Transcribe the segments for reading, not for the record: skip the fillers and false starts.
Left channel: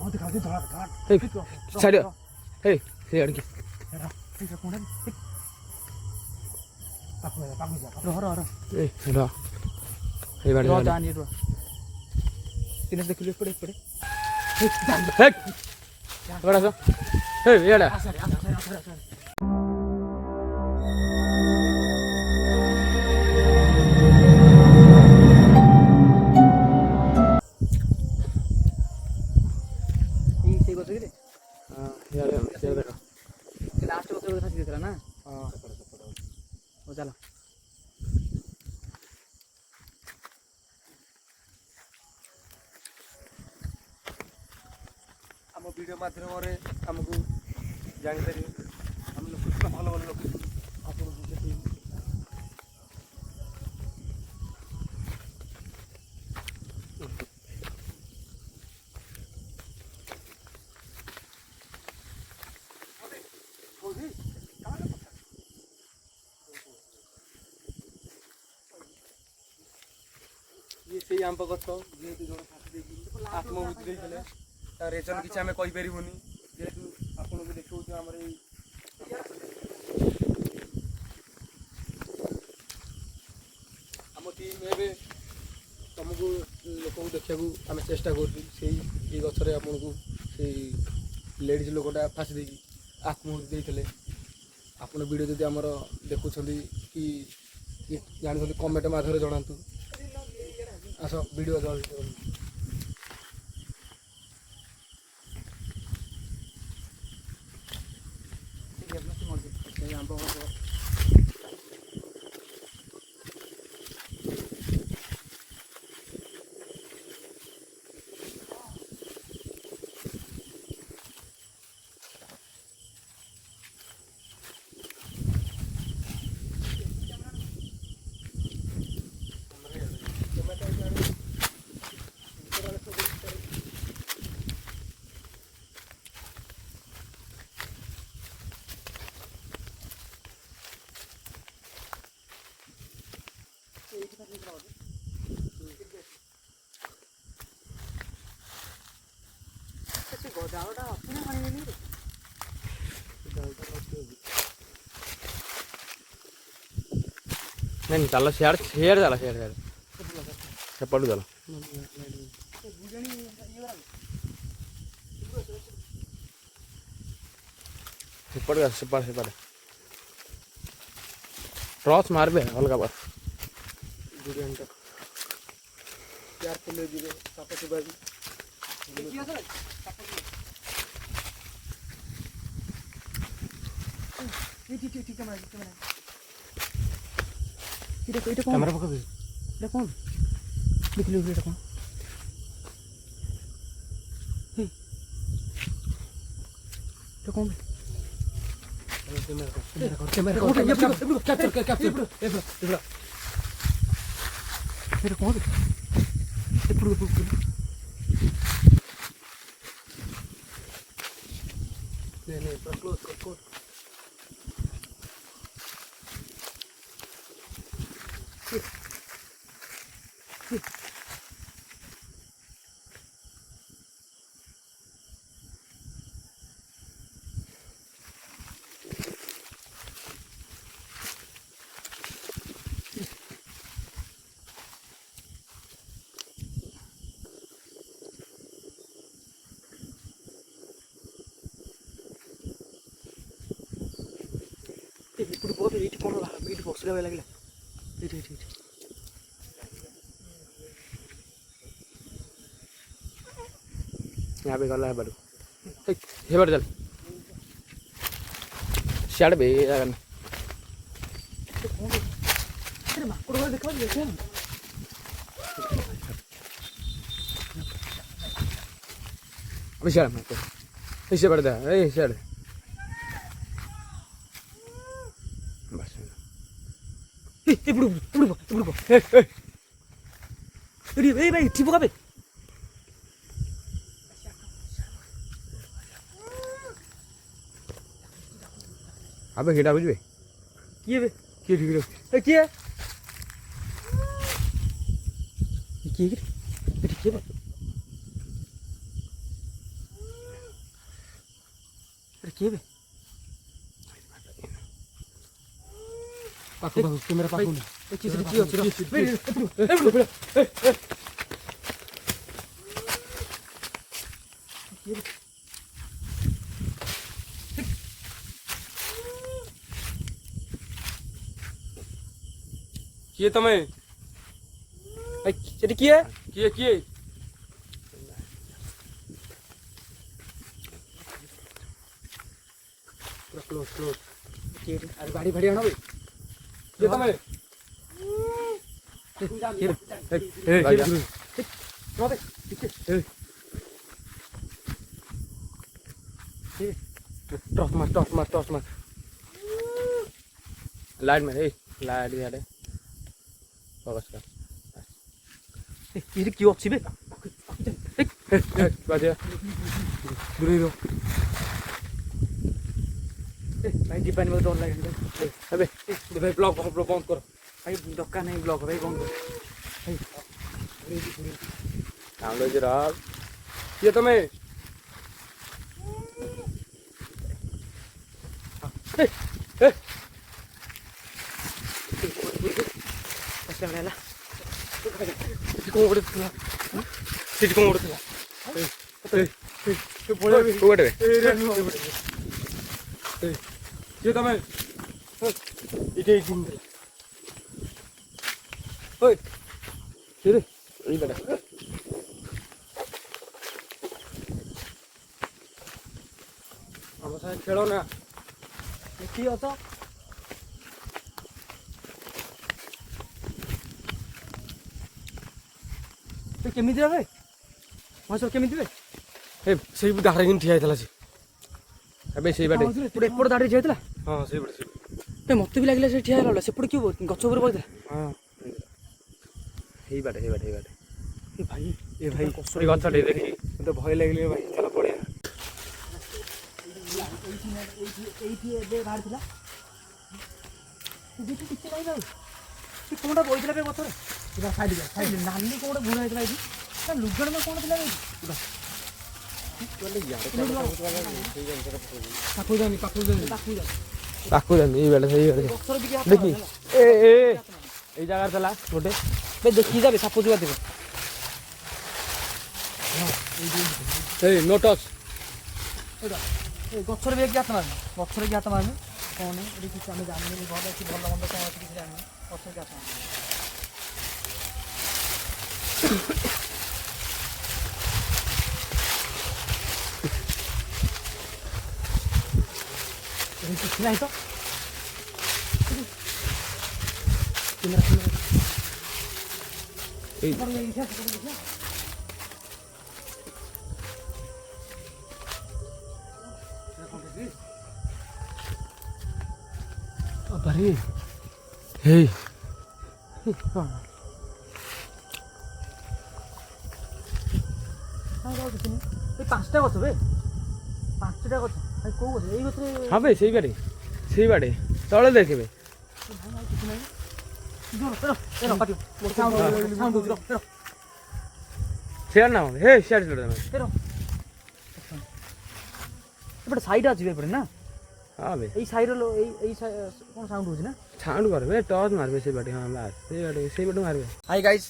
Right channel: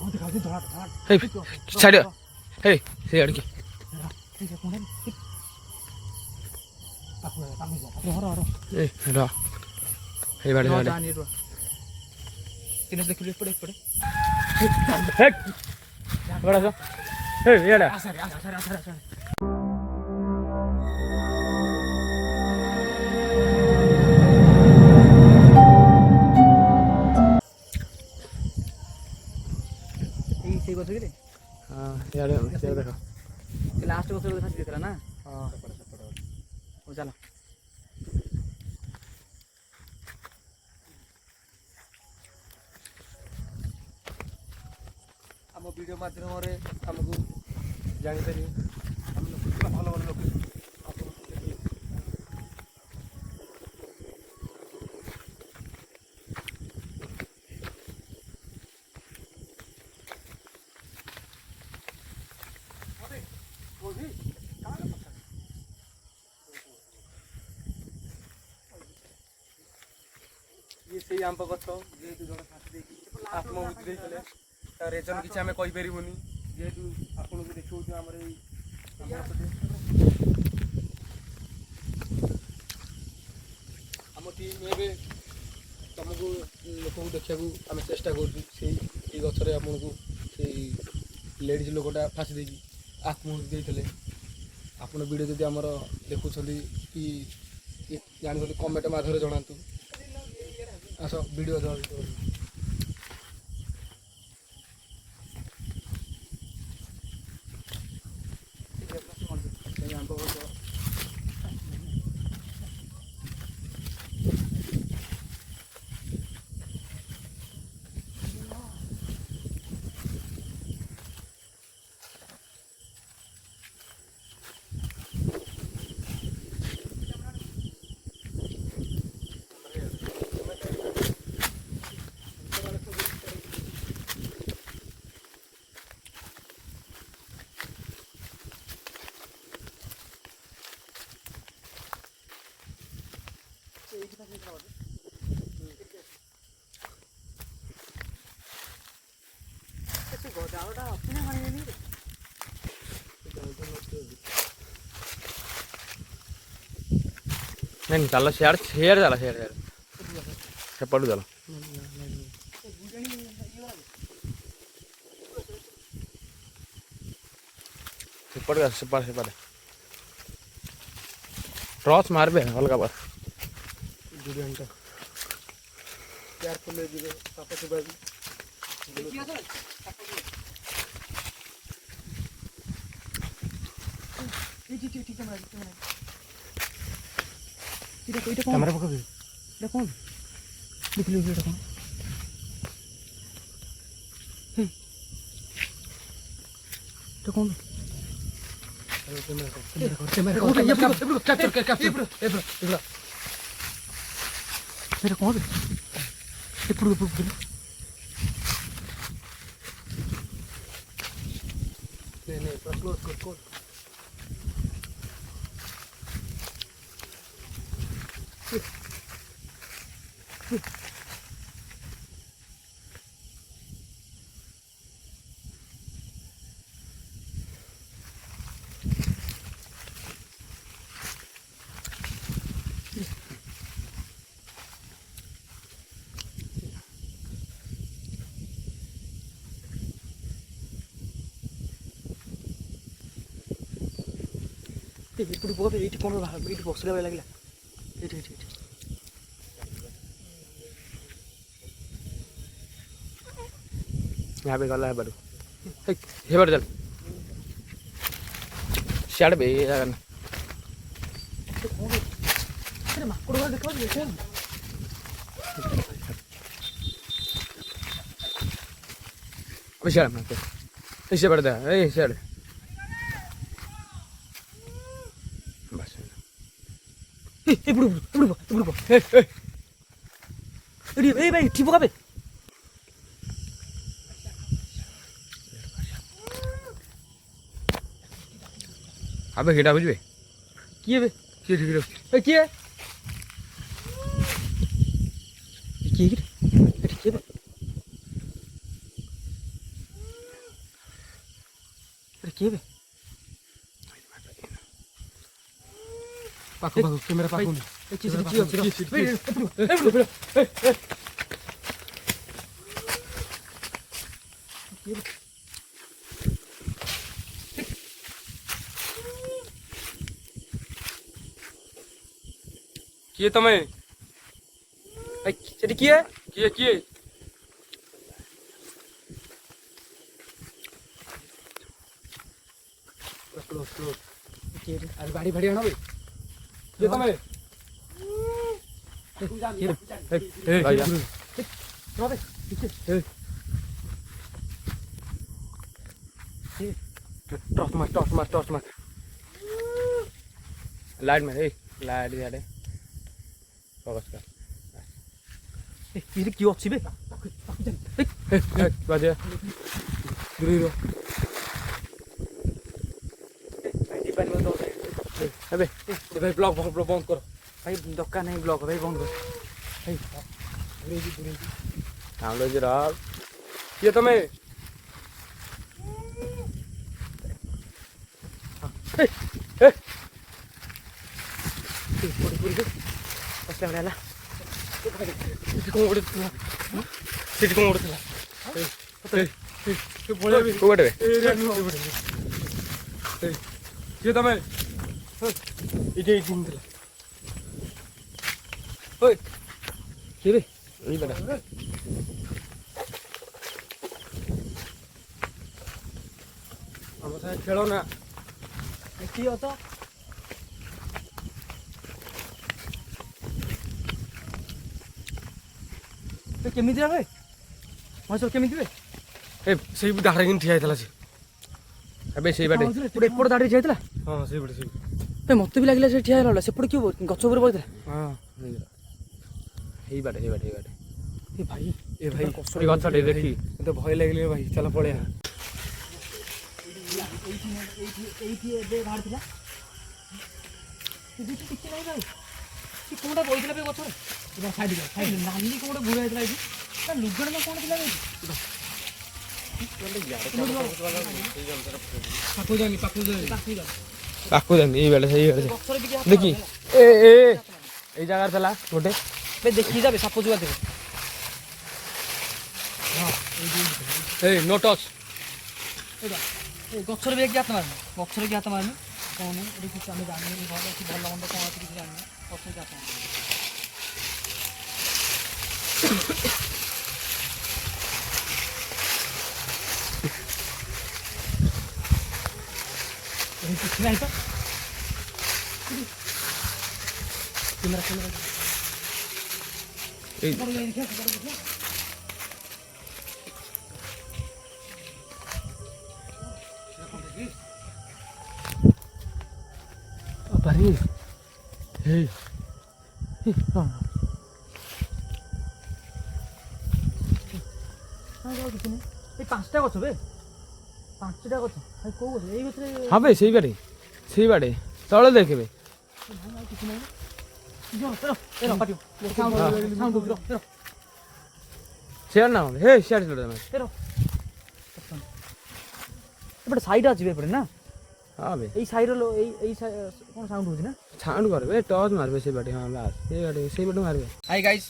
Hey, side up. Hey, say it. Hey, hello. Hey, what is that? Hey, what is that? Hey, yeah. हाँ यार देखो लास्ट में तो दिख रहा ना हाँ वो चलो आम वीडियो माध्यम आमको जापर आम लोकेशन भल भल लोकेशन ये से आंब गछ जेहेतु जन फाटी आत्महूति देते रेजन किसी आम कहीपरूनी जेहेतु आपको देखो आम आम टीम ए तुमको लोक देखा आम चेष्टा कर गचर आपको से लेडीज लोकटा फाँसी देकी आत्महूति देते आप वीडियो जब आम देखुं कि जानी कमेंट माध्यम जनातु आस वीडियो नहीं चलो शेयर शेयर चलो शेयर शेयर सेपटू चलो सेपट सेपट सेपट टॉर्च मारबे अलग बार कैमरा पकड़ এটা কোন দেখলি এটা কোন এটা কোন कैमरा कैप्चर कैप्चर এটা কোন এপুরো এপুরো नहीं क्लोज कर ఇప్పుడు పోతే ఇటు కొన ఇటు బొక్స్గా వెళ్ళగల ఇటు ఇటు ఇటు यहाँ पे गला है बड़ू हे बड़ चल सियाड़ बे यार अरे माकुड़ देखो देखो अभी सियाड़ मार ऐसे बढ़ता है ए सियाड़ बस ఇప్పుడు ఏ బై టిపు కాబే अबे हेटा बुझबे কি হবে কি ঠিক রে এ কি কি কি কি କିଏ ବେ? ପାଖ କ୍ୟାମେରା ପାଖକୁ କିଏ ତମେ? ସେଠି କିଏ? କିଏ କିଏ? ଆରେ ଗାଡ଼ି ଫାଡ଼ି ଆଣ ବେ। କିଏ ତମେ? टॉर्च मार लाइट मार लाइट यार फोकस कर କିଏ ଅଛି ବେ? बाजे दूरी रो ଯିବାନି ମୋତେ ଡର ଲାଗେ। अबे भाई ब्लॉक बंद कर ଭାଇ ଦୋକାନ ନାହିଁ ବ୍ଲକ ଭାଇ ବନ୍ଦ କର। काम लो जरा ये तमे ହେଲା ये तमे इटे ओए କିଏ ବେ? यही बड़ा हम साथ खेलो ना କିଏ ଅଛ? କେମିତି ବେ? ମହେଶ୍ୱର କେମିତି ବେ? ए सही भी दाखरे ठिया ହେଇଥିଲା ସେ अबे सही बाटे ଏପଟେ ଦାଡ଼ିରେ ଠିଆ ହେଇଥିଲା। हां सही बाटे ମତେ ବି ଲାଗିଲା ସେ ଠିଆ ହେଲା ସେପଟେ କିଏ ଗଛ ଉପରେ ବଇଥିଲା। हां यही बाटे ଏ ଭାଇ ए भाई कोई गछ दे देखी तो भय लागले भाई चल पड़े ଏଇଠି ଏବେ ବାହାରିଥିଲା। କିଛି ନାହିଁ ଭାଇ ସେ କୋଉଟା ବଇଥିଲା ବେ ଗଛରେ? ସାଇଡ୍ ନାଲି କୋଉଟା ବୁଣା ହେଇଥିଲା ଏଇଠି ତା ଲୁଗାଟା କ'ଣ ଥିଲା ଏଇଠି? पाकू जानी ये बेले सही बेले देखी ए ए এই জায়গার চলা গোটে দেখি যাবে সাপ ଯିବା ଥିବ। এই নো টচ ଗଛରେ ବି ହାତ ମାରନି ଗଛରେ କି ହାତ ମାରନି କ'ଣ ଏଠି କିଛି ଆମେ ଜାଣିନି ଭଲ କି ଭଲ ମନ୍ଦ କ'ଣ କିଛି ଜାଣିନି ଗଛରେ ହାତ ମାରନି। କିଛି ନାହିଁ ତ এই হেই ପାଞ୍ଚଟା ଗଛ ବେ 5ଟା ଗଛ ଭାଇ କୋଉ ଗଛ ଏଇ ଗଛରେ हाँ भाई सही बाटे तले देखबे କିଛି ନାହିଁ। शेयर ना हे शेयर छोड़ देना ଏପଟେ ସାଇଡ୍ ଅଛି ଏପଟେ ନା हां बे ଏଇ ସାଇଡ୍ ଏଇ କ'ଣ ସାଉଣ୍ଡ ହଉଛି ନା? छांड करबे टॉर्च मारबे सही बाटे हां बास सही बाटे मारबे। ହାଇ ଗାଇସ୍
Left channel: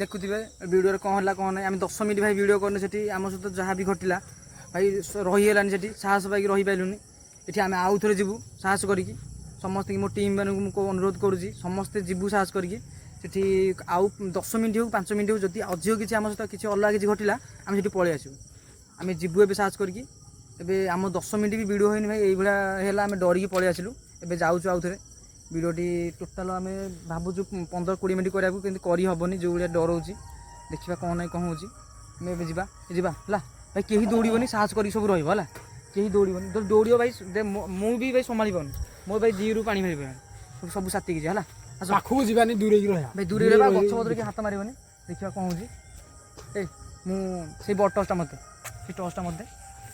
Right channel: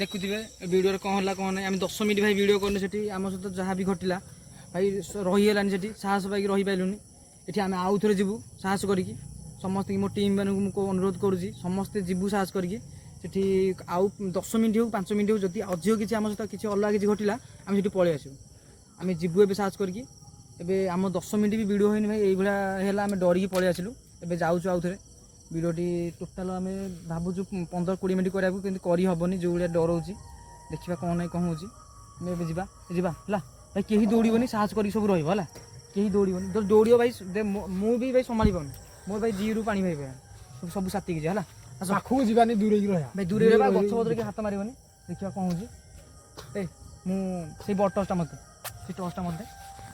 ଦେଖୁଥିବେ ଭିଡ଼ିଓରେ କ'ଣ ହେଲା କ'ଣ ନାହିଁ ଆମେ 10 ମିନିଟ୍ ଭାଇ ଭିଡ଼ିଓ କରିନୁ ସେଠି ଆମ ସହିତ ଯାହା ବି ଘଟିଲା ଭାଇ ରହିହେଲାନି ସେଠି ସାହସ ପାଇକି ରହିପାରିଲୁନି। ଏଠି ଆମେ ଆଉ ଥରେ ଯିବୁ ସାହସ କରିକି ସମସ୍ତେ ମୋ ଟିମ୍ ମାନଙ୍କୁ ମୁଁ ଅନୁରୋଧ କରୁଛି ସମସ୍ତେ ଯିବୁ ସାହସ କରିକି ସେଠି ଆଉ 10 ମିନିଟ୍ ହଉ 5 ମିନିଟ୍ ହଉ ଯଦି ଅଧିକ କିଛି ଆମ ସହିତ କିଛି ଅଲଗା କିଛି ଘଟିଲା ଆମେ ସେଠି ପଳେଇ ଆସିବୁ। ଆମେ ଯିବୁ ଏବେ ସାହସ କରିକି ଏବେ ଆମ 10 ମିନିଟ୍ ବି ଭିଡ଼ିଓ ହେଇନି ଭାଇ ଏଇଭଳିଆ ହେଲା ଆମେ ଡରିକି ପଳେଇ ଆସିଲୁ ଏବେ ଯାଉଛୁ ଆଉ ଥରେ ଭିଡ଼ିଓଟି ଟୋଟାଲ୍ ଆମେ ଭାବୁଛୁ 15-20 ମିନିଟ୍ କରିବାକୁ କିନ୍ତୁ କରିହେବନି ଯେଉଁ ଭଳିଆ ଡରଉଛି ଦେଖିବା କ'ଣ ନାହିଁ କ'ଣ ହେଉଛି ଆମେ ଏବେ ଯିବା ହେଲା ଭାଇ କେହି ଦୌଡ଼ିବନି ସାହସ କରିକି ସବୁ ରହିବ ହେଲା କେହି ଦୌଡ଼ିବନି ଯଦି ଦୌଡ଼ିବ ଭାଇ ମୁଁ ବି ଭାଇ ସମ୍ଭାଳିବନି ମୋ ଭାଇ ଦିରୁ ପାଣି ମାରିବେ ସବୁ ସାଥିକି ଯିବା ହେଲା ପାଖକୁ ଯିବାନି ଦୂରେଇକି ରହିବା ଭାଇ ଦୂରେଇ ରହିବା ଗଛ ପତ୍ର କି ହାତ ମାରିବନି ଦେଖିବା କ'ଣ ହେଉଛି ଏଇ ମୁଁ ସେଇ ବଡ଼ ଟର୍ଚ୍ଚଟା ମୋତେ ସେ ଟର୍ଚ୍ଚଟା ମୋତେ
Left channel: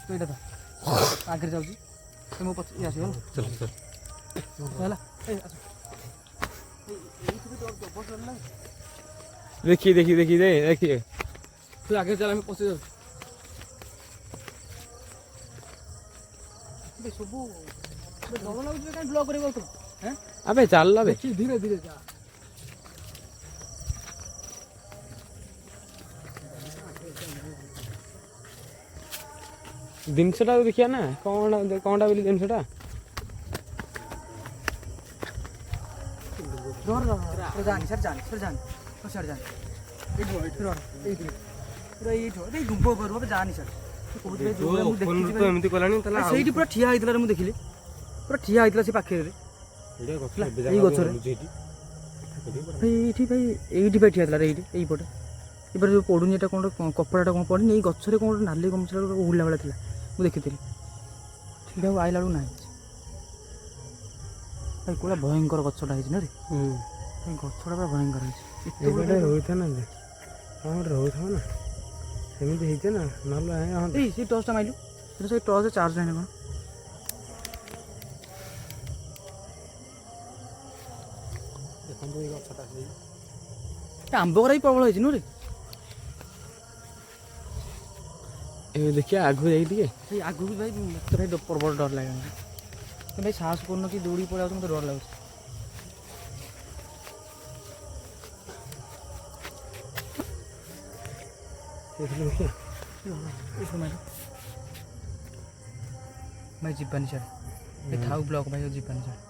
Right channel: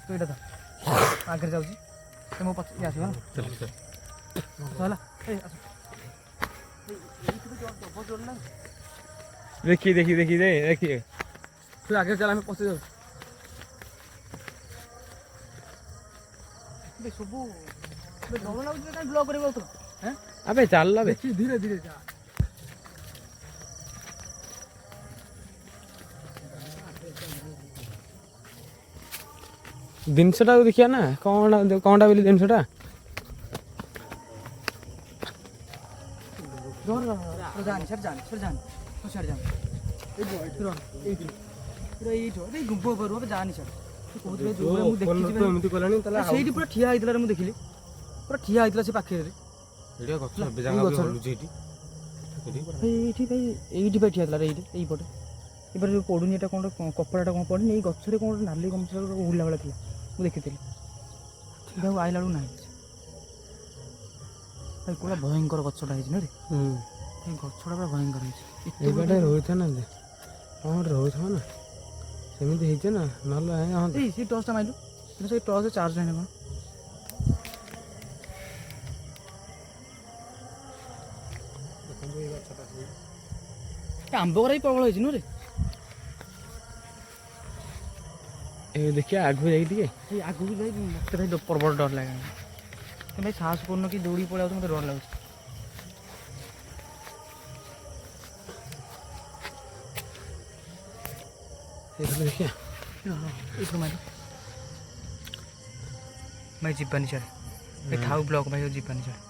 ତୁ ଏଇଟା ତ ଆଗରେ ଯାଉଛି ମୋ ପଛ ଇଏ ଆସିବ ହେଲା देखिए तू आगे चला मैं पहुंच जाऊँ ବେ ସବୁ ବେ ଡର ଲାଗୁଛି ବେ କାଇଁ ବ୍ଲକ୍ କରିବାକୁ ଆଉଥିଲ ହେଁ ଆବେ ଚାଲ ବେ ଦେଖି ଧୀରେ ଧୀରେ ଯା ଜିନିଷଟା ଦେଖିବା ନା କ'ଣଟା ବୋଲି ଜିନିଷଟା ଡର ଜାଣି ସାର୍ ଜାଣି ସାର୍ ଜାଣି ଏଇଠି ପୁରା ଏଇଠି ଏଇ ଗୁମ୍ପ କରୁ ଏବେ ଜାଣି ସାର୍ କହୁଛି ଭାଇ ଯୋଉ ମୁଁ ଦେଖିଛି ଭାଇ ଏମିତି କଲାଣି ତାହେଲେ ସେଇଠି ପୁରା ଠିଆ ହେଇଥିଲା ମୁଁ ଦେଖିଲି ପୁରା ଠିଆ ହେଇଥିଲା ସେ ପାଖରେ ଏଇ ଗଛରେ ଏଇଠି ଭାଇ ଏଇଠି ଭାଇ ଠିଆ ହେଇଥିଲା ଏଇଠି ଏଇପଟେ ଏପଟେ ଯେଉଁ ପଡ଼ୁନି ଏଇଟା କ'ଣ କପଡ଼ାଟା କ'ଣ ପଡ଼ୁନି ଏଇ ଗଛରେ କ'ଣ ଗୋଟେ ନାଲି ଗମଛା ଉଡ଼ିଲା ଭଳିଆ ଥିଲା ମୁଁ ଦେଖିଥିଲି ସେଇଟା ଆଉ ଆଇଲା ବେଳକୁ ନାହିଁ ଭାଇ କୋଉଟା ଭୟଙ୍କର ଗଛଟା ହେଇଛି ନା ରେ ଭାଇ ଗଛଟା ପୁରା ଭୟଙ୍କର ହେଇଛି ଏଇପଟେ ରହିଥା ନା ହଁ ଗୋଟେ ରହୁଥିବ ନା ସେମିତି ହେଇছে ନା ନହେଲେ ଏଇ ସେ ଟର୍ଚ୍ଚଟା ମାଇଲୁ କିନ୍ତୁ ସେଇ ଟର୍ଚ୍ଚ ଚାର୍ଜ ନାହିଁ କ'ଣ ଆମ୍ବ ଗୁରା ବି ପ୍ରବଳ ହେଇଛି ନୁହେଁ ରେ ଏ ଦେଖିବା ଆଗକୁ ଯାଇକି ଟିକେ ସେଇ ଆଗକୁ ଭାଇ ମତେ ଭାଇ ପ୍ରବଳ ଡର ଲାଗେ କିନ୍ତୁ ଭାଇ ସାହସ କରୁନ କି ଦୌଡ଼ିକି ପଳେଇ ଯାଉଛି ମତେ ଡର ଲାଗୁଛି ଦେଖିବା ଏଇଠୁ ମାରି ଭାଇ ଯିବାନି ସାର୍ ଭାଇ ଥାଉ ବ୍ଲକ୍ ଭାଇ ଯିବାନି ସାର୍